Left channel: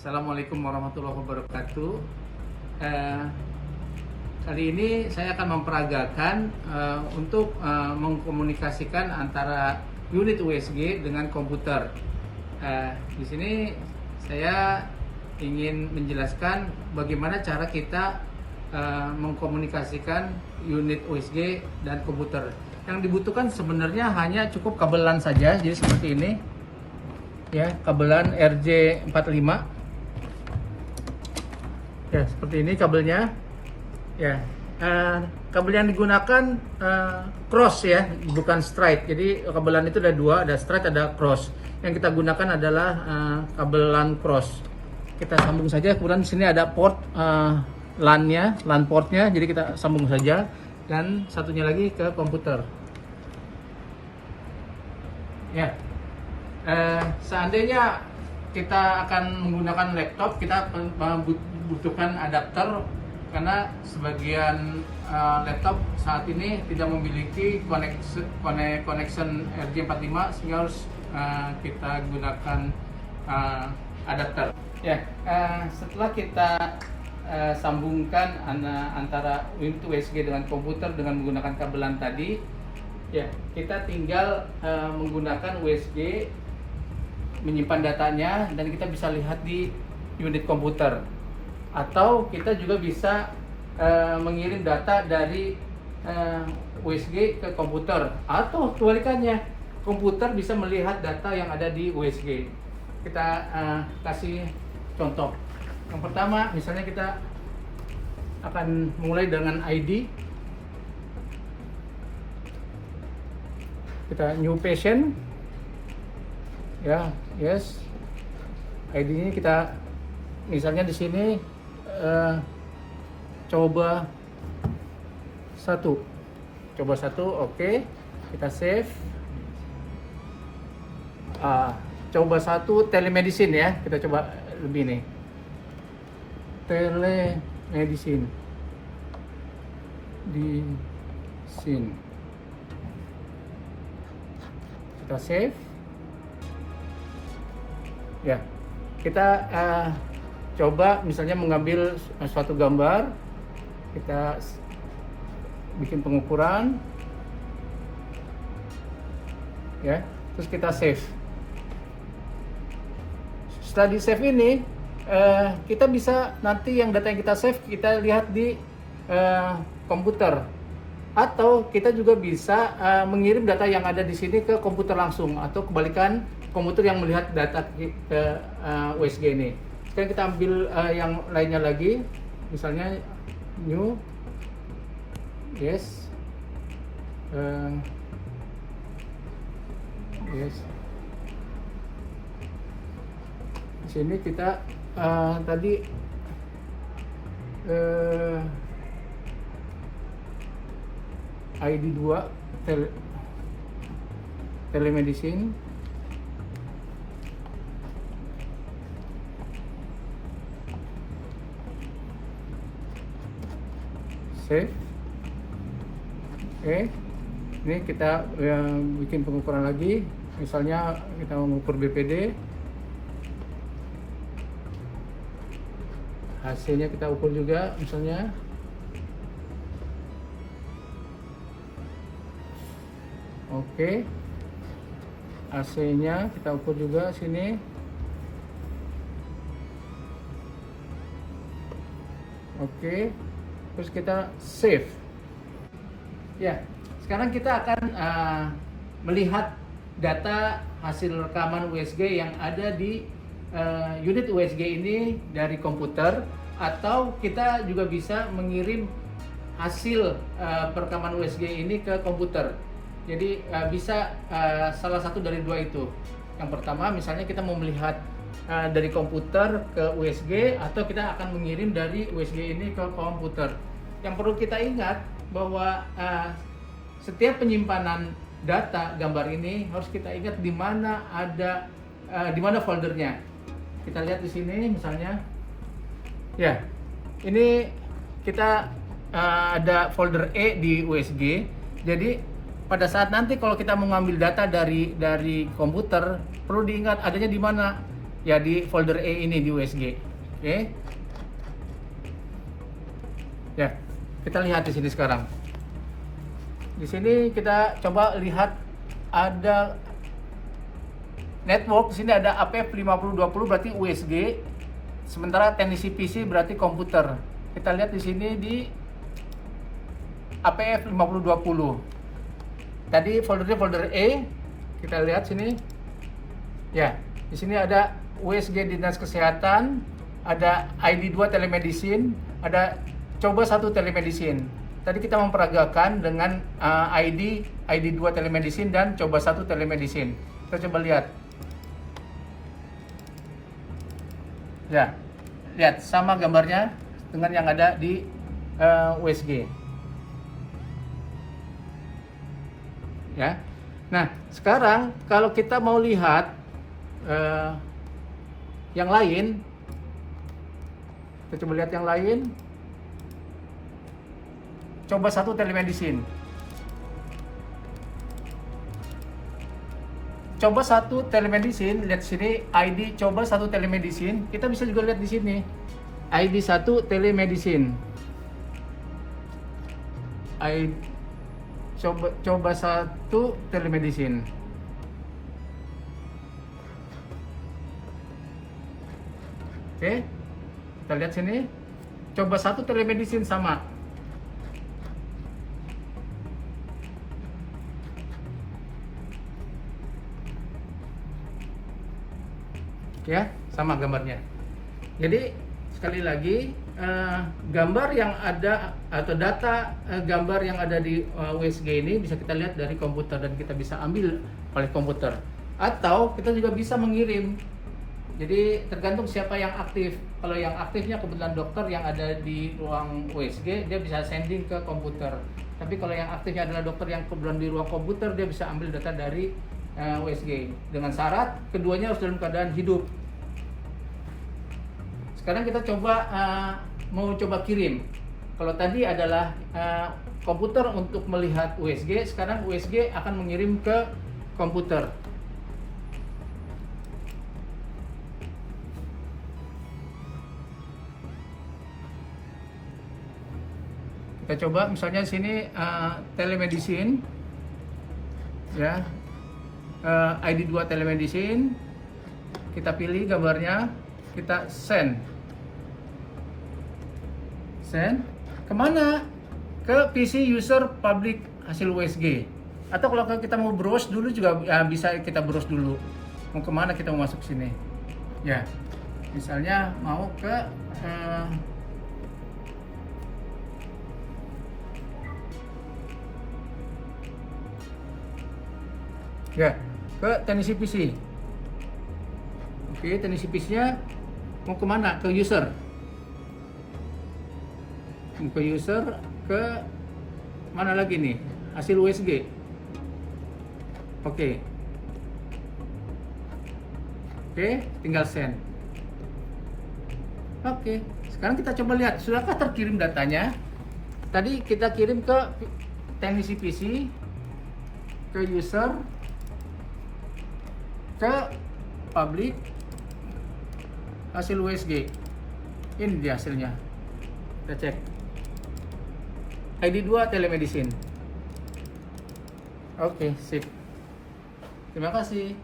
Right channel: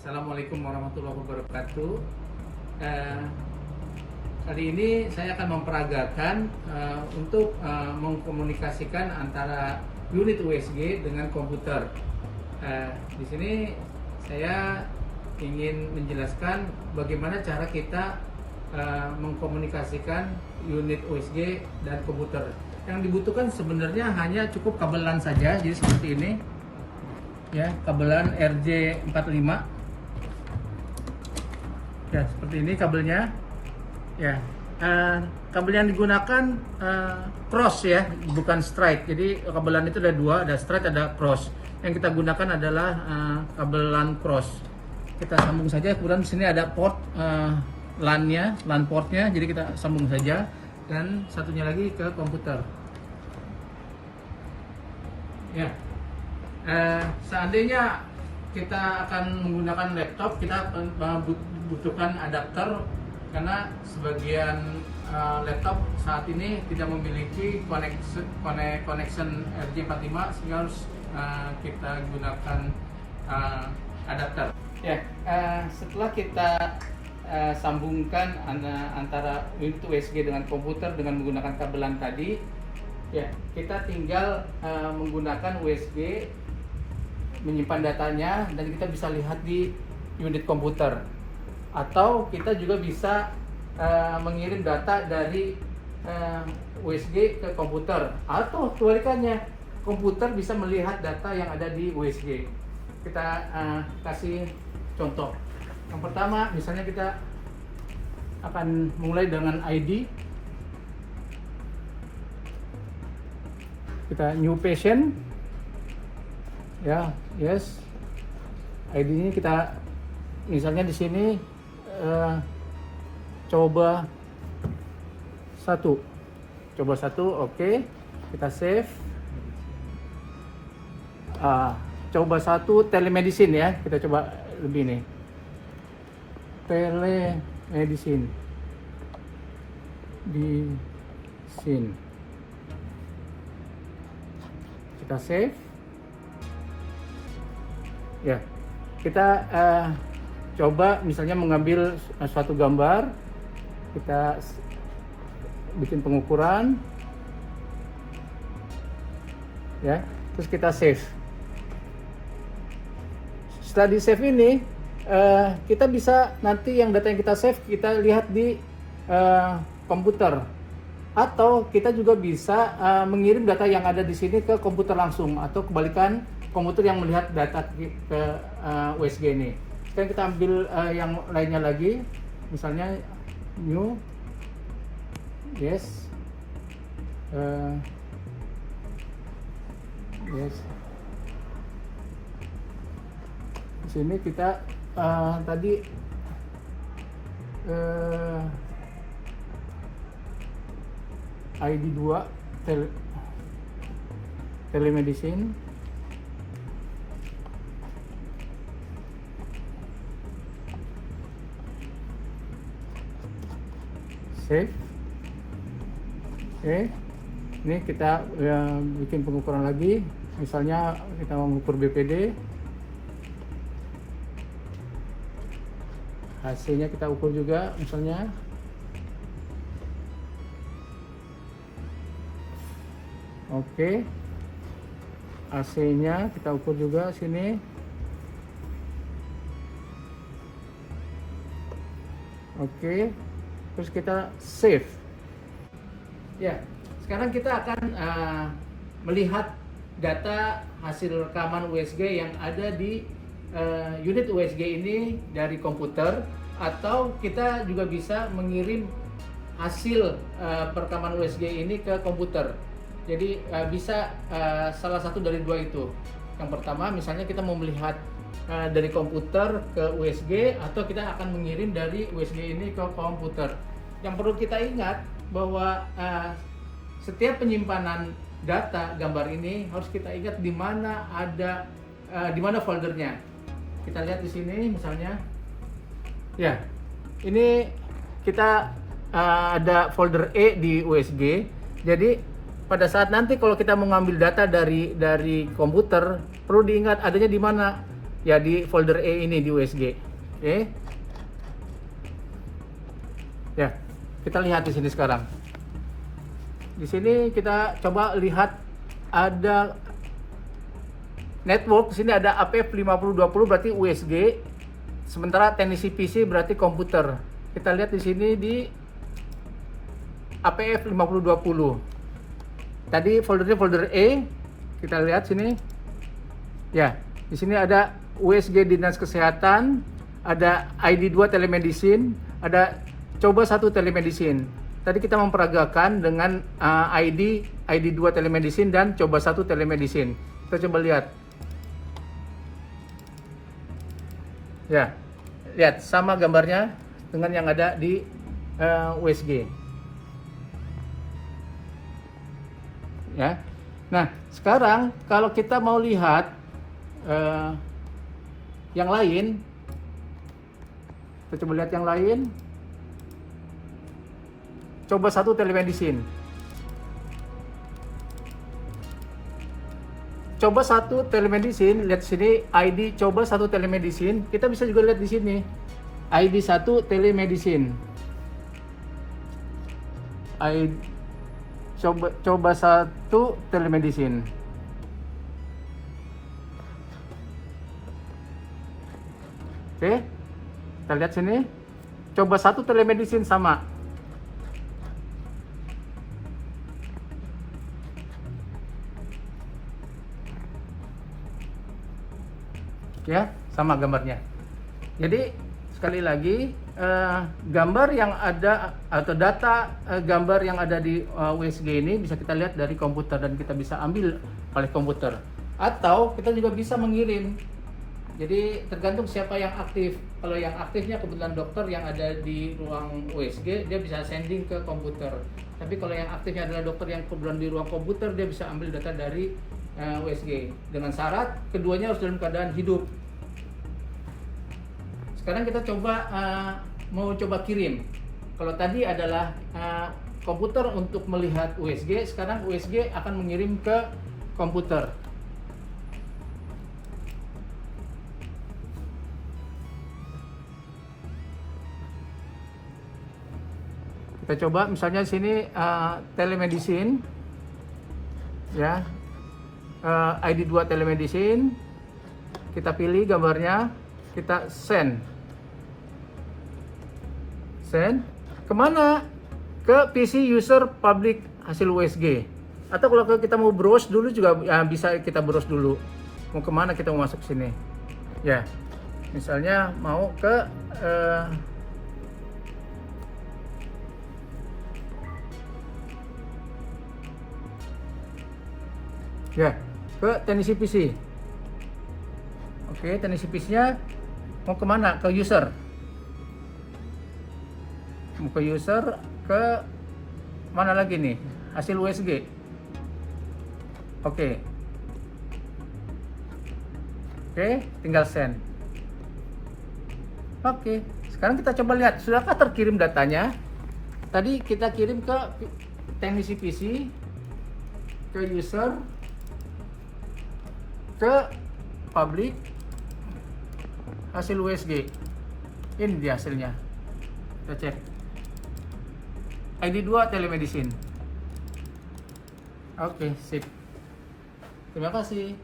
Assalamualaikum warahmatullahi wabarakatuh. Eh, Kali ini saya akan memperagakan untuk mengkomunikasikan antara unit USG dengan komputer. Di sini saya ingin menjelaskan bagaimana cara kita mengkomunikasikan unit USG dan komputer. Yang dibutuhkan sebenarnya hanya cukup kabelan saja, jadi seperti ini. Ya, kabelan RJ45. Ya, seperti ini kabelnya. Ya, kabel yang digunakan cross ya, bukan straight. Jadi kabelan itu ada dua, ada straight, ada cross. Yang kita gunakan adalah kabelan cross. Kita sambung saja. Kemudian di sini ada port LAN-nya, LAN portnya. Jadi kita sambung saja. Dan satunya lagi ke komputer. Ya, seandainya kita akan menggunakan laptop, kita membutuhkan adapter karena sebagian laptop saat ini tidak memiliki connection RJ45, sehingga harus kita gunakan adapter. Ya, setelah kita sambungkan antara unit USG dengan komputer dengan menggunakan kabelan tadi, ya kita tinggal menggunakan USG, menyimpan datanya, dan kita bisa lihat di unit komputer, atau kita juga bisa mengirim data dari USG ke komputer, atau kebalikannya, komputer bisa melihat data yang ada di USG. Kita kasih contoh. Yang pertama, misalnya kita akan mulai dengan ID. Kita new patient. Ya, yes. ID-nya kita misalnya di sini coba satu, oke. Kita save. Coba satu telemedicine ya, kita coba lebih nih. Telemedicine di sini. Kita save. Ya, kita coba misalnya mengambil suatu gambar, kita bikin pengukuran, ya, terus kita save. Setelah di save ini, kita bisa nanti yang data yang kita save kita lihat di komputer, atau kita juga bisa mengirim data yang ada di sini ke komputer langsung, atau kebalikan, komputer yang melihat data ke USG ini. Sekarang kita ambil yang lainnya lagi, misalnya new, yes, yes. Di sini kita tadi ID 2 telemedicine. Save. Oke. Ini kita bikin pengukuran lagi. Misalnya kita mengukur BPD. AC-nya kita ukur juga misalnya. Oke. AC-nya kita ukur juga sini. Oke. Terus kita save. Ya, sekarang kita akan melihat data hasil rekaman USG yang ada di unit USG ini dari komputer, atau kita juga bisa mengirim hasil perekaman USG ini ke komputer. Jadi bisa salah satu dari dua itu. Yang pertama, misalnya kita mau melihat dari komputer ke USG, atau kita akan mengirim dari USG ini ke komputer. Yang perlu kita ingat bahwa setiap penyimpanan data gambar ini harus kita ingat di mana ada di mana foldernya. Kita lihat di sini misalnya. Ya, ini kita ada folder E di USG. Jadi pada saat nanti kalau kita mengambil data dari komputer, perlu diingat adanya di mana. Ya, di folder E ini di USG. Oke. Ya, kita lihat di sini sekarang. Di sini kita coba lihat ada network. Di sini ada APF5020 berarti USG. Sementara teknisi PC berarti komputer. Kita lihat di sini di APF5020. Tadi foldernya folder E. Kita lihat sini. Ya, di sini ada USG Dinas Kesehatan, ada ID2 telemedicine, ada coba 1 telemedicine. Tadi kita memperagakan dengan ID2 telemedicine dan coba 1 telemedicine. Kita coba lihat. Ya, lihat sama gambarnya dengan yang ada di USG. Ya. Nah, sekarang kalau kita mau lihat yang lain, kita coba lihat yang lain. Coba 1 telemedicine. Coba 1 telemedicine, lihat sini ID coba 1 telemedicine. Kita bisa juga lihat di sini ID 1 telemedicine. Coba 1 telemedicine. Oke, kita lihat sini. Coba 1 telemedicine sama. Ya, sama gambarnya. Jadi sekali lagi gambar yang ada atau data gambar yang ada di USG ini bisa kita lihat dari komputer dan kita bisa ambil oleh komputer, atau kita juga bisa mengirim. Jadi tergantung siapa yang aktif. Kalau yang aktifnya kebetulan dokter yang ada di ruang USG, dia bisa sending ke komputer. Tapi kalau yang aktifnya adalah dokter yang kebetulan di ruang komputer, dia bisa ambil data dari USG dengan syarat keduanya harus dalam keadaan hidup. Sekarang kita coba mau coba kirim. Kalau tadi adalah komputer untuk melihat USG, sekarang USG akan mengirim ke komputer. Kita coba misalnya sini telemedicine, ya, ID2 telemedicine. Kita pilih gambarnya, kita send. Kemana? Ke PC user public hasil USG. Atau kalau kita mau browse dulu juga bisa kita browse dulu. Mau kemana kita mau masuk sini? Ya, misalnya mau ke ya, ke teknisi PC. Oke, teknisi PC-nya mau kemana? Ke user. Ke user, ke mana lagi nih? Hasil USG. Oke, tinggal send. Oke, sekarang kita coba lihat, sudahkah terkirim datanya? Tadi kita kirim ke teknisi PC, ke user, ke public hasil USG. Ini dia hasilnya. Kita cek. ID2 telemedicine. Oke, sip. Terima kasih.